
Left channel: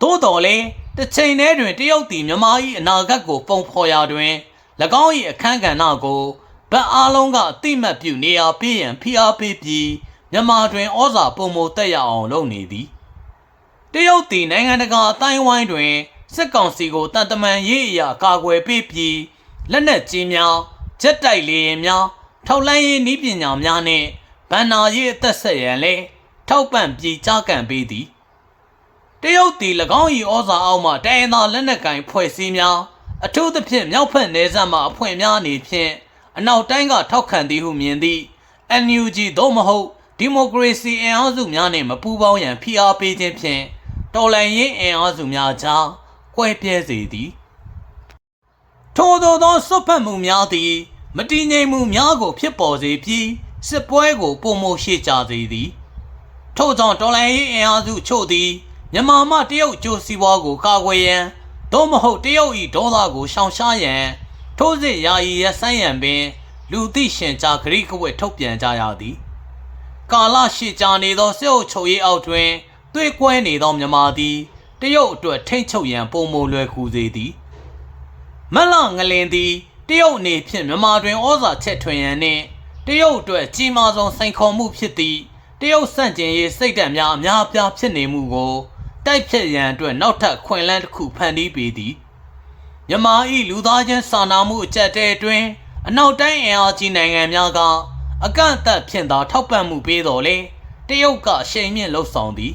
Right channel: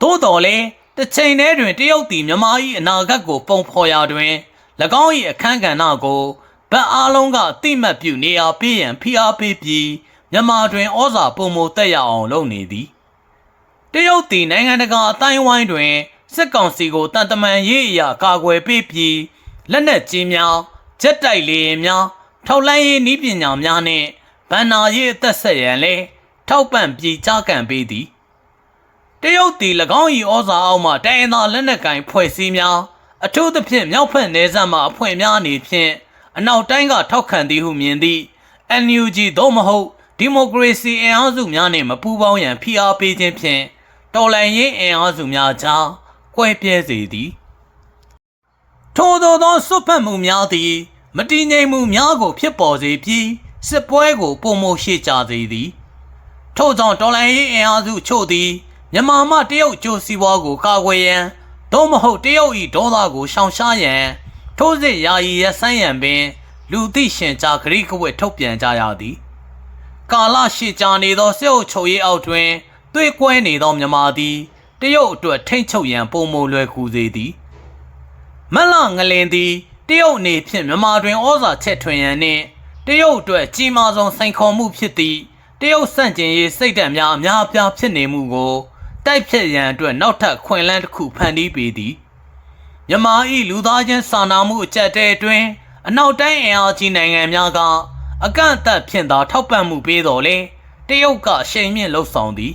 သို့တော်လည်းတစ်ချိန်တည်းတွင်တရုတ်သည်မြန်မာ၏အနာဂတ်ကိုပုံဖော်ရာတွင်၎င်း၏အခမ်းကဏ္ဍကိုဗတ်အားလုံးကအတိမတ်ပြုနေရာပေးရန်ဖိအားပေးပြီးမြန်မာတွင်ဩဇာပုံမတက်ရအောင်လုပ်နေသည်တရုတ်တီနိုင်ငံတကာအတိုင်းဝိုင်းတွင်စစ်ကောင်စီကိုတန်တမန်ရေးအရာကာကွယ်ပေးပြီးလက်နက်ကြီးများဂျက်တိုက်လေယာဉ်များ ထောက်လှမ်းရေးနည်းပညာများနှင့်ဗန်နာရေးအသက်ဆက်ရန်လည်းထောက်ပံ့ပြီးကြားကန်ပေးသည်တရုတ်တီ၎င်း၏ဩဇာအောက်မှတိုင်းရင်းသားလက်နက်ကိုင်ဖွဲ့စည်းများအထူးသဖြင့်မြောက်ဖက်နယ်စပ်မှအဖွဲ့များအနေဖြင့်အနောက်တိုင်းကထောက်ခံသည်ဟုမြင်သည့် NUG သို့မဟုတ်ဒီမိုကရေစီအင်အားစုများနှင့်မပူးပေါင်းရန်ဖိအားပေးခြင်းဖြင့်တော်လှန်ရေးအင်အားစုများကြားကွဲပြဲစေသည်ထို့သောသောစွတ်ဖက်မှုများသည် မတည်ငြိမ်မှုများကိုဖြစ်ပေါ်စေပြီးစစ်ပွဲကိုပုံမရှိကြစေသည်ထို့ကြောင့်တော်လှန်ရေးအင်အားစုချို့သည်မြန်မာမှတရုတ်ကျိုးစီးပွားကိုကာကွယ်ရန်သို့မဟုတ်တရုတ်၏ဒေါသကိုရှောင်ရှားရန်ထိုးစစ်ယာယီရဆိုင်းရန်ပင် လူသိရှင်ကြားဂရိကဝတ်ထုတ်ပြန်ကြရသည် ကာလရှည်ကြာနေသောစစ်အုပ်ချုပ်ရေးအောက်တွင်တွေးကွဲနေသောမြန်မာသည်တရုတ်အတွက်ထိမ့်ချုပ်ရန်ပုံမလွယ်ကူစေသည်မက်လငလင်သည် တရုတ်အနေဖြင့်မြန်မာတွင်ဩဇာချက်ထွင်ရန်နှင့်တရုတ်အတွက်ကြီးမားဆုံးစိန်ခေါ်မှုဖြစ်သည့်တရုတ်စန့်ကျင်ရေးစိတ်ဓာတ်များအများအပြားဖြစ်နေမှုကိုတိုက်ဖြတ်ရန်အတွက်နောက်ထပ်ခွင့်လန်းတစ်ခုဖန်တီးပေးသည်မြမာဤလူသားချင်းစာနာမှုအကြက်တဲအတွင်းအနောက်တိုင်းအင်အားကြီးနိုင်ငံများကအကန့်အသတ်ဖြင့်သာထောက်ပံ့မှုပေးတော်လဲတရုတ်ကအရှိန်မြင့်လှုပ်ဆောင်သည်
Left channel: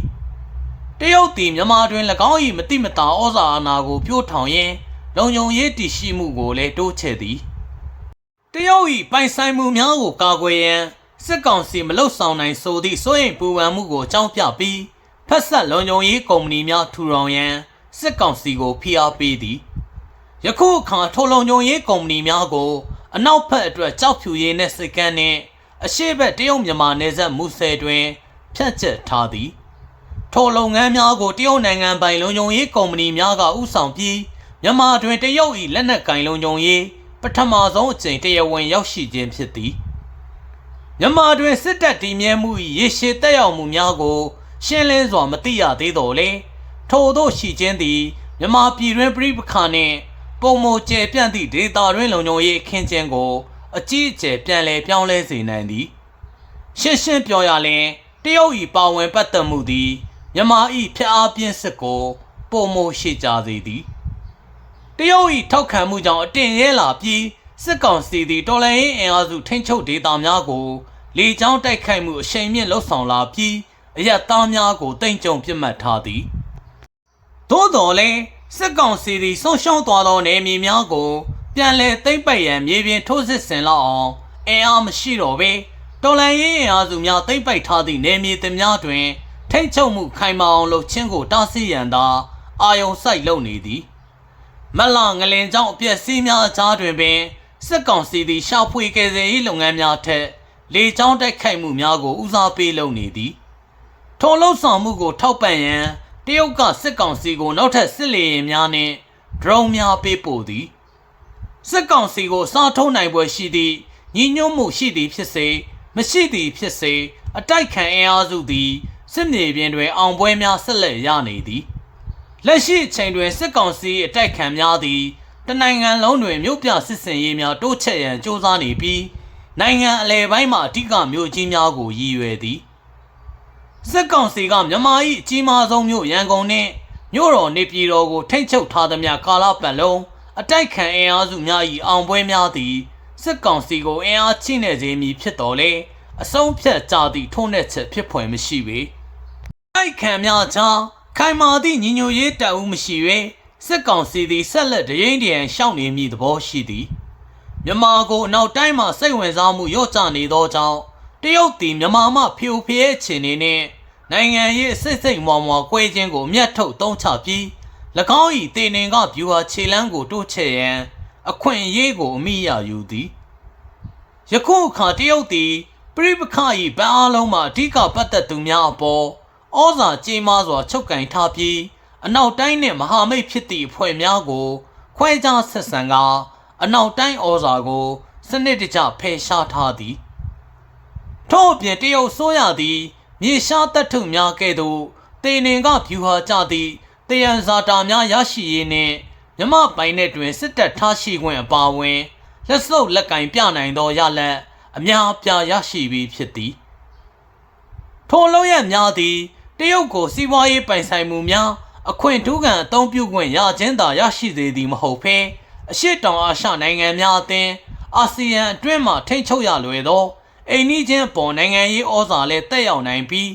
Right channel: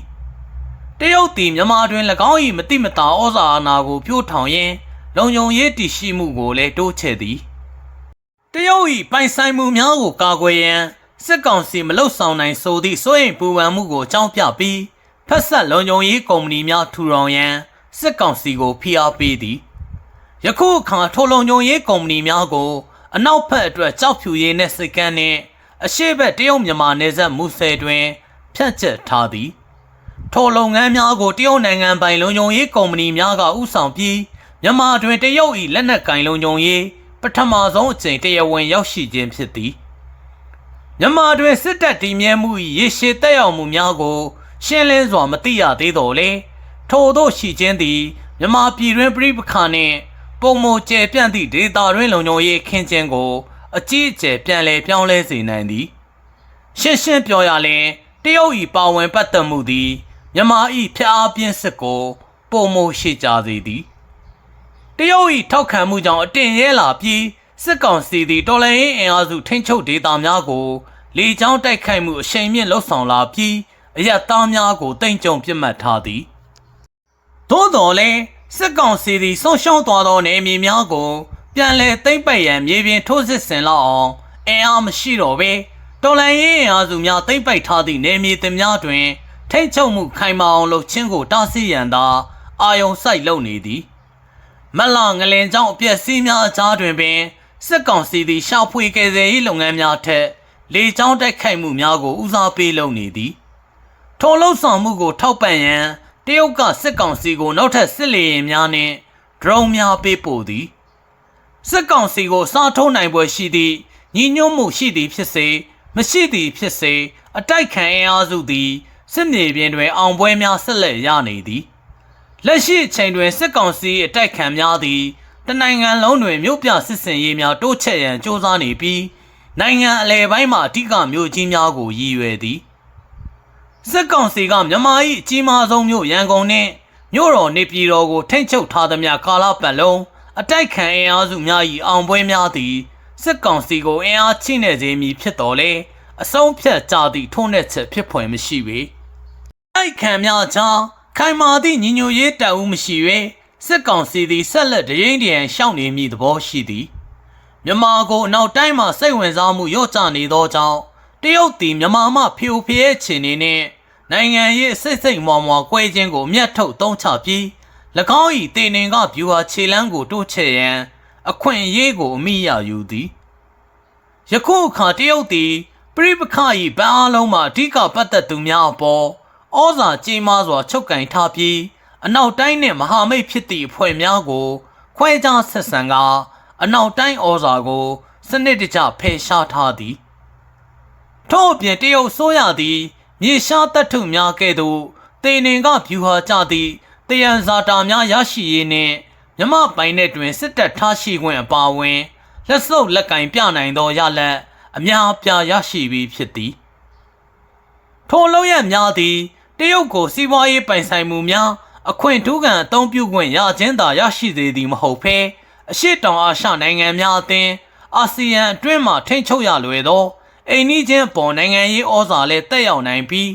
တရုတ်သည်မြန်မာတွင်၎င်း၏မတိမတာဩဇာအာဏာကိုပြိုးထောင်ရင်း လုံခြုံရေးတည်ရှိမှုကိုလည်းတိုးချဲ့သည်တရုတ်၏ပိုင်ဆိုင်မှုများကိုကာကွယ်ရန်စစ်ကောင်စီမလှုပ်ဆောင်နိုင်ဆိုသည့်စိုးရိမ်ပူပန်မှုကိုအကြောင်းပြပြီးဖက်ဆက်လုံခြုံရေးကုမ္ပဏီများထူထောင်ရန်စစ်ကောင်စီကိုဖိအားပေးသည်ယခုအခါထိုလုံခြုံရေးကုမ္ပဏီများကိုအနောက်ဘက်အတွက်ကြောက်ဖြူရေးနဲ့စိတ်ကန်းနှင့်အရှိတ်တရုတ်မြန်မာနယ်စပ်မူဆယ်တွင်ဖြန့်ကျက်ထားသည်ထိုလုပ်ငန်းများကိုတရုတ်နိုင်ငံပိုင်လုံခြုံရေးကုမ္ပဏီများကဥဆောင်ပြီး မြန်မာတွင်တရုတ်၏လက်နက်ကင်လုံခြုံရေးပထမဆုံးအကြိမ်တရားဝင်ရောက်ရှိခြင်းဖြစ်သည်မြန်မာတွင်စစ်တပ်တည်မြဲမှု၏ရေရှည်တက်ရောက်မှုများကို ရှင်းလင်းစွာမသိရသေးတော့လေထို့သောရှိခြင်းသည်မြန်မာပြည်တွင်ပြည်ပခါနှင့်ပုံမကျယ်ပြန့်သည့်ဒေတာတွင်လုံခြုံရေးအခင်းကျင်းကိုအကြီးအကျယ်ပြန်လည်ပြောင်းလဲစေနိုင်သည်ရှင်းရှင်းပြောရလျင်တရုတ်၏ပါဝင်ပတ်သက်မှုသည်မြန်မာ၏ဖျက်အားပြင်းစစ်ကိုပုံမရှိကြစေသည် တရုတ်၏ထောက်ခံမှုကြောင့်အတင်ရဲလာပြီးစစ်ကောင်စီသည်တော်လှန်ရေးအင်အားစုထိန်းချုပ်ဒေသများကိုလေကြောင်းတိုက်ခိုက်မှုအရှိန်မြင့်လှုပ်ဆောင်လာပြီးအရက်သားများကိုတိမ်ကြုံပစ်မှတ်ထားသည်သို့တော်လည်းစစ်ကောင်စီသည်ဆုံးရှုံးသွားသောနေမြေများကိုပြန်လဲသိမ့်ပိုက်ရန်မြေပြင်ထိုးစစ်ဆင်လောက်အောင်အင်အားမရှိတော့ပဲတော်လန်ရေးအင်အားစုများသိမ့်ပိုက်ထားသည့်နေမြေသများတွင်ထိတ်ချုပ်မှုခိုင်မာအောင်လုပ်ခြင်းကိုတားဆီးရန်သာအာယုံစိုက်လုပ်နေသည် မလငလင်ကြောင့်အပြက်စီးများအကြားတွင်ပင်စစ်ကောင်စီသည်ရှာဖွေကယ်ဆယ်ရေးလုပ်ငန်းများထက်လေကြောင်းတိုက်ခိုက်မှုများကိုဦးစားပေးလုပ်နေသည်ထိုလှုပ်ဆောင်မှုကိုထောက်ပံ့ရန်တရုတ်ကစစ်ကောင်စီကိုနောက်ထပ်စစ်လေယာဉ်များနှင့်ဒရုန်းများပေးပို့သည်စစ်ကောင်စီကိုစားထုံးနိုင်ပွဲရှိသည့်ညီညွတ်မှုရှိသည်ဖြစ်စေမရှိသည်ဖြစ်စေအတိုက်ခံအင်အားစုသည်စစ်မြေပြင်တွင်အောင်ပွဲများဆက်လက်ရနေသည် လက်ရှိအချိန်တွင်စစ်ကောင်စီအတိုက်ခံများသည်တနိုင်ငံလုံးတွင်မြို့ပြစစ်စင်ရေးများတိုးချဲ့ရန်စ조사နေပြီးနိုင်ငံအလဲပိုင်းမှအဓိကမြို့ကြီးများကိုရည်ရွယ်သည်စစ်ကောင်စီကမြန်မာ၏အကြီးမားဆုံးမြို့ရန်ကုန်နှင့်မြို့တော်နေပြည်တော်ကိုထိမ့်ချုပ်ထားသမျှကာလပတ်လုံးအတိုက်ခံအင်အားစုများ၏အောင်ပွဲများသည်စစ်ကောင်စီကိုအင်အားချိနေစေမည်ဖြစ်တော်လဲအဆုံးဖြတ်ကြသည့်ထုံးတဲ့ချက်ဖြစ်ဖွယ်မရှိပေတိုက်ခံများကြား ခိုင်မာသည့်ညီညွတ်ရေးတပ်ဦးမရှိ၍စစ်ကောင်စီသည်ဆက်လက်တရင်တရန်ရှောက်နေမည့်သဘောရှိသည်မြန်မာကိုအနောက်တိုင်းမှာစိတ်ဝင်စားမှုရော့ကျနေသောကြောင့်တရုတ်သည်မြန်မာမှဖျို့ဖျဲချင်နေနှင့်နိုင်ငံရေးစိတ်စိတ်မွာမွာကွဲခြင်းကိုအမျက်ထုတ်သုံးချပြီး၎င်း၏တေနင်ကဗျူဟာခြေလန်းကိုတိုးချဲ့ရန် အခွင့်အရေးကိုအမိရယူသည်ယခုအခါတရုတ်သည်ပြိပခ၏ဗန်းအားလုံးမှာအဓိကပတ်သက်သူများအပေါ် ဩဇာကြီးမားစွာချုပ်ကင်ထားပြီးအနောက်တိုင်းနှင့်မဟာမိတ်ဖြစ်သည့်အဖွဲ့များကို ခွဲခြားဆက်ဆံကာအနောက်တိုင်းဩဇာကို စနစ်တကျဖယ်ရှားထားသည်ထို့အပြင်တရုတ်ဆိုရသည်မြေရှားတပ်ထုများကဲ့သို့တေနင်ကဖြူဟာကြသည့်တယံဇာတာများရရှိရေးနှင့်မြမပိုင်တဲ့တွင်စစ်တပ်ထားရှိခွင့်အပါအဝင်လက်စုပ်လက်ကင်ပြနိုင်သောရလဒ်အများအပြားရရှိပြီးဖြစ်သည်ထိုလုံးရများသည် တရုတ်ကိုစီးပွားရေးပိုင်ဆိုင်မှုများအခွင့်ထူးခံအသုံးပြုခွင့်ရခြင်းသာရရှိသေးသည်မဟုတ်ဘဲအရှိတောင်အာရှနိုင်ငံများအသင်းအာဆီယံအတွင်းမှထိန်းချုပ်ရလွယ်သောအိမ်နီးချင်းပေါ်နိုင်ငံရေးဩဇာလည်းတက်ရောက်နိုင်ပြီး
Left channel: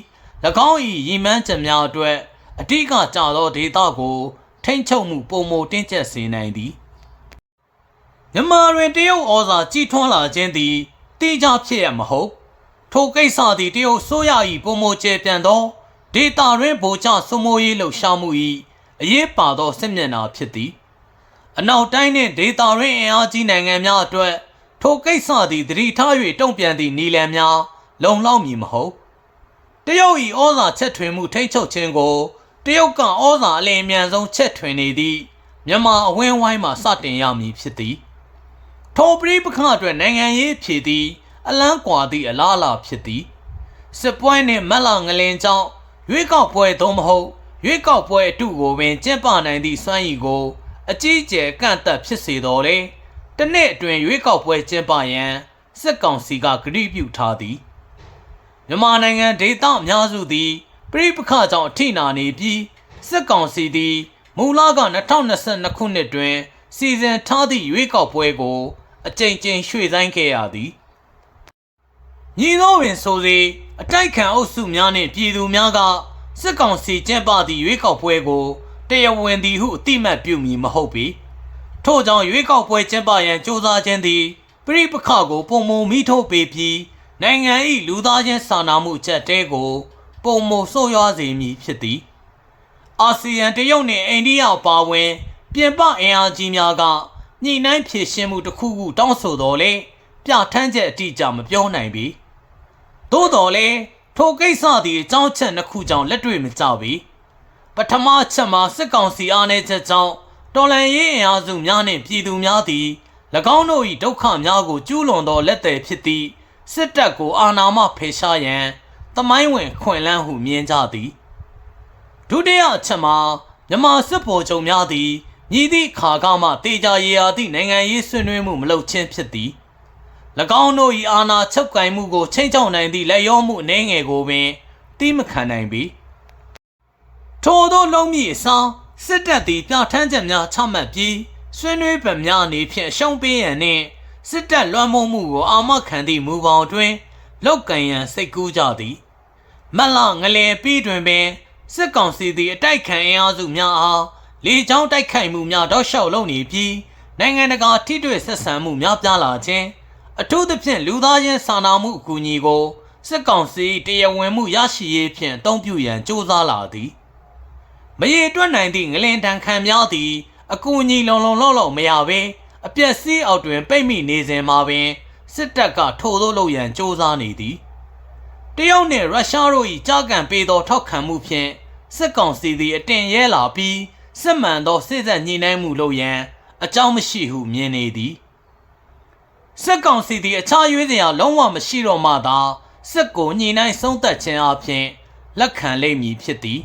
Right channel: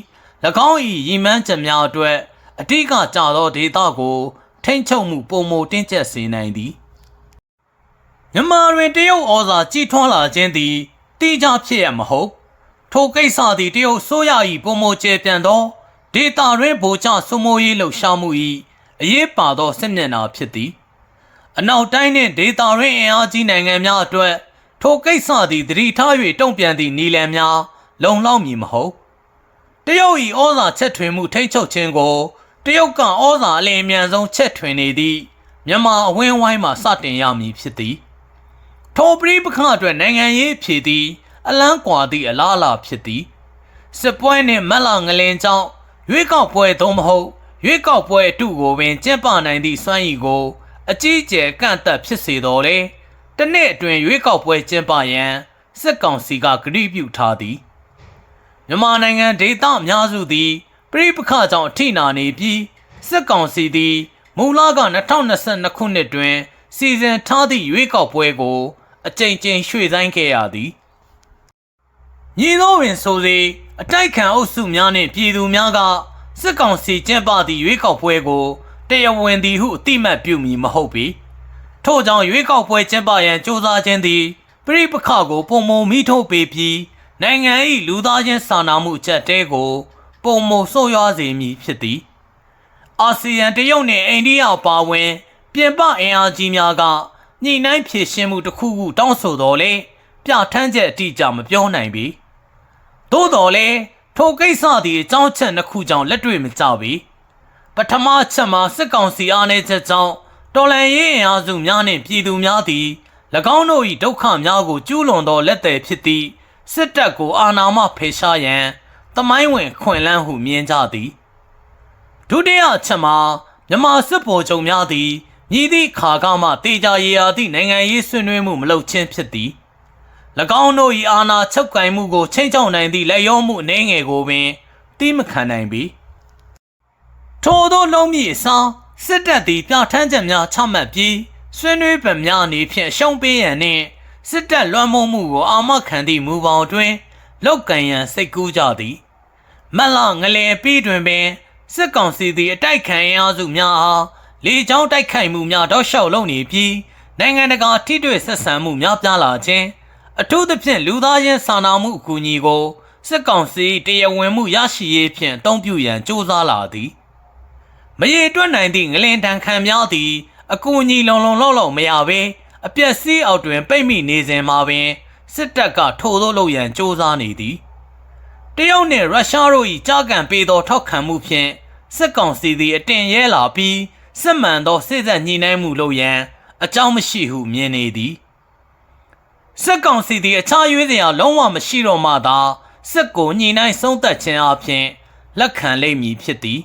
၎င်း၏ရည်မှန်းချက်များအတွက်အဓိကကျသောဒေသကို ထိန်းချုပ်မှုပုံမတင်းကျပ်စေနိုင်သည်မြန်မာတွင်တရုတ်ဩဇာကြီးထွားလာခြင်းသည်တိကျဖြစ်ရမဟုတ်ထိုကိစ္စသည်တရုတ်ဆိုရ၏ပုံမကျဲပြန်သော ဒေတာတွင်ဗိုလ်ချစမိုးရေးလှုပ်ရှားမှု၏အရေးပါသောစစ်မျက်နှာဖြစ်သည်အနောက်တိုင်းနှင့်ဒေတာရင်းအင်အားကြီးနိုင်ငံများအတွက်ထိုကိစ္စသည်တတိထား၍တုံ့ပြန်သည့်နီလန်များလုံလောက်မည်မဟုတ်တရုတ်၏ဩဇာချက်ထွင်မှုထိတ်ချုပ်ခြင်းကိုတရုတ်ကဩဇာအလင်းအမြန်ဆုံးချက်ထွင်နေသည့်မြန်မာအဝင်းဝိုင်းမှစတင်ရမည်ဖြစ်သည်ထိုပရိပခအတွက်နိုင်ငံရေးဖြည်သည် အလန်းကွာသည့်အလားအလာဖြစ်သည်စစ်ပွဲနှင့်မက်လာငလင်ကြောင့် ရွေးကောက်ပွဲသို့မဟုတ်ရွေးကောက်ပွဲအတုကိုပင်ကျင်းပနိုင်သည့်စွမ်းရည်ကို အကြီးအကျယ်ကန့်သက်ဖြစ်စေတော်လေတနေ့အတွင်းရွေးကောက်ပွဲကျင်းပရန်စစ်ကောင်စီကကတိပြုထားသည်မြန်မာနိုင်ငံဒေသအများစုသည်ပြည်ပခကြောင့်အထိနာနေပြီးစစ်ကောင်စီသည်မူလက2022ခုနှစ်တွင် စီစဉ်ထားသည့်ရွေးကောက်ပွဲကို အကြိမ်ကြိမ်ရွှေ့ဆိုင်းခဲ့ရသည် ညီသောပင်ဆိုစေအတိုက်ခံအုပ်စုများနှင့်ပြည်သူများကစစ်ကောင်စီကျင်းပသည့်ရွေးကောက်ပွဲကိုတရားဝင်သည်ဟုအတိမတ်ပြုမည်မဟုတ်ပေထို့ကြောင့်ရွေးကောက်ပွဲကျင်းပရန်စ조사ခြင်းသည်ပြည်ပခကိုပုံမုံမိထုတ်ပေပြီးနိုင်ငံ၏လူသားချင်းစာနာမှုအချက်တဲကိုပုံမုံဆိုးရွားစေမည်ဖြစ်သည်အာဆီယံတရုတ်နှင့်အိန္ဒိယပါဝင် ပြင်ပအင်အားကြီးများကညှိနှိုင်းဖြည့်ရှင်းမှုတစ်ခုခုတောင်းဆိုတော်လဲပြဋ္ဌာန်းချက်အတိအကျမပြောနိုင်ပေ သို့တော်လဲထိုကိစ္စသည်အကြောင်းချက်နှစ်ခုကြောင့်လက်တွေ့မကျပေပထမချက်မှာစစ်ကောင်စီအားနည်းချက်ကြောင့်တော်လန်ရေးအင်အားစုများနှင့်ပြည်သူများသည်၎င်းတို့၏ဒုက္ခများကိုကျူးလွန်သောလက်သည်ဖြစ်သည့်စစ်တပ်ကိုအာဏာမှဖယ်ရှားရန်တမိုင်းဝင်ခွင့်လန်းဟုမြင်ကြသည်ဒုတိယအချက်မှာမြန်မာစစ်ဗိုလ်ချုပ်များသည်ညီသည့်ခါကမှတေချာရေရာသည့်နိုင်ငံရေးဆွေးနွေးမှုမလုပ်ခြင်းဖြစ်သည်၎ င်းတို့၏အာဏာချုပ်ကိုင်မှုကိုချိန်ချောက်နိုင်သည့်လက်ရောမှုအနေငယ်ကိုပင်တီးမခံနိုင်ပြီထို့သောနှုံးမြင့်စားစစ်တပ်သည်ပြဋ္ဌာန်းချက်များချမှတ်ပြီးဆွေးနွေးပံများအနေဖြင့်အရှုံးပေးရန်နှင့်စစ်တပ်လွှမ်းမိုးမှုကိုအာမခံသည့်မူပေါင်းတွင်လောက်ကံရန်စိတ်ကူးကြသည်မက်လာငလင်ပြီးတွင်ပင်စစ်ကောင်စီသည်အတိုက်ခံအင်အားစုများအားလေကြောင်းတိုက်ခိုက်မှုများတောက်လျှောက်လုပ်နေပြီးနိုင်ငံတကာထိတွေ့ဆက်ဆံမှုများပြားလာခြင်း အထူးသဖြင့်လူသားချင်းစာနာမှုအကူအညီကိုစစ်ကောင်စီတရားဝင်မှုရရှိရေးဖြင့်အသုံးပြုရန်ကြိုးစားလာသည်မရေတွက်နိုင်သည့်ငလင်တန်ခံများသည်အကူအညီလုံလုံလောက်လောက်မရဘဲအပြက်စီးအောက်တွင်ပိတ်မိနေစဉ်မှာပင်စစ်တပ်ကထိုသို့လုပ်ရန်ကြိုးစားနေသည်တရုတ်နှင့်ရုရှားတို့၏ကြားကန်ပေးသောထောက်ခံမှုဖြင့်စစ်ကောင်စီသည်အတင်ရဲလာပြီးစစ်မှန်သောစစ်ဆက်ညှိနှိုင်းမှုလုပ်ရန်အကြောင်းမရှိဟုမြင်နေသည် စစ်ကောင်စီသည်အခြားရွေးစရာလုံးဝမရှိတော့မှသာစစ်ကိုညှိနှိုင်းဆုံးသက်ခြင်းအပြင်လက်ခံလိမ့်မည်ဖြစ်သည်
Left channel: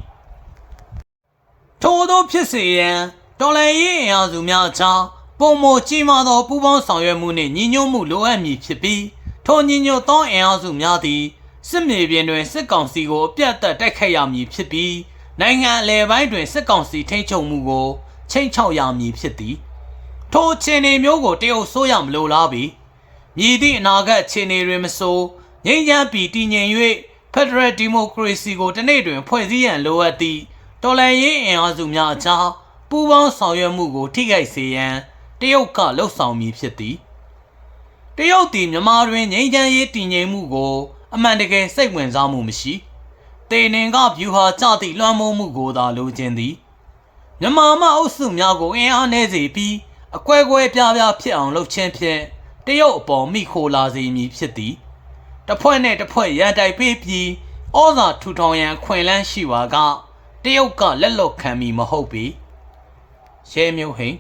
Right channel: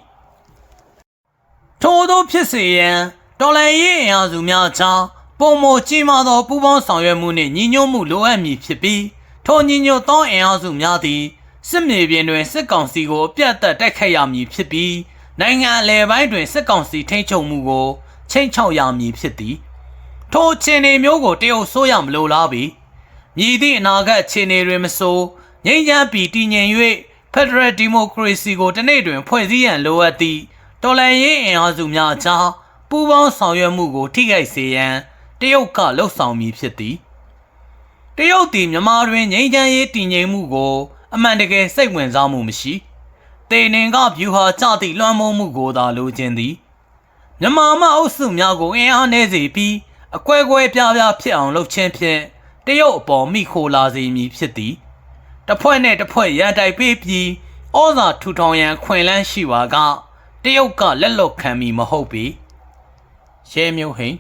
ထို့သောဖြစ်စေရန်တော်လှန်ရေးအင်အားစုများကြားပုံမကြီးမားသောပူးပေါင်းဆောင်ရွက်မှုနှင့်ညီညွတ်မှုလိုအပ်မည်ဖြစ်ပြီးထိုညီညွတ်သောအင်အားစုများသည်စစ်မြေပြင်တွင်စစ်ကောင်စီကိုအပြတ်အသတ်တိုက်ခိုက်ရမည်ဖြစ်ပြီးနိုင်ငံအလယ်ပိုင်းတွင်စစ်ကောင်စီထိန်းချုပ်မှုကိုချိန်ချောက်ရမည်ဖြစ်သည်ထိုအခြေအနေမျိုးကိုတရုတ်ဆိုးရမလိုလားပေ မြည်သည့်အနာဂတ်အခြေအနေတွင်မဆိုငြိမ်းချမ်းပြီးတည်ငြိမ်၍ Federal Democracy ကိုတနေ့တွင် ဖွဲ့စည်းရန်လိုအပ်သည့်တော်လှန်ရေးအင်အားစုများအကြားပူးပေါင်းဆောင်ရွက်မှုကိုထိခိုက်စေရန်တရုတ်ကလှုံ့ဆော်မည်ဖြစ်သည်တရုတ်သည်မြန်မာတွင်ငြိမ်းချမ်းရေးတည်ငြိမ်မှုကို အမှန်တကယ်စိတ်ဝင်စားမှုမရှိတေနင်ကဗျူဟာကြသည့်လွှမ်းမိုးမှုကိုသာလိုချင်သည်မြန်မာမအုပ်စုများကိုအင်အားနည်းစေပြီးအကွဲကွဲပြားပြားဖြစ်အောင်လုပ်ခြင်းဖြင့် တရုတ်အပေါ်မိခိုလာစေမည်ဖြစ်သည်တစ်ဖွဲ့နဲ့တစ်ဖွဲ့ရန်တိုက်ပေးပြီးဩဇာထူထောင်ရန်ခွင့်လန်းရှိပါကတရုတ်ကလက်လွတ်ခံမီမဟုတ်ပေရဲမျိုးဟိန်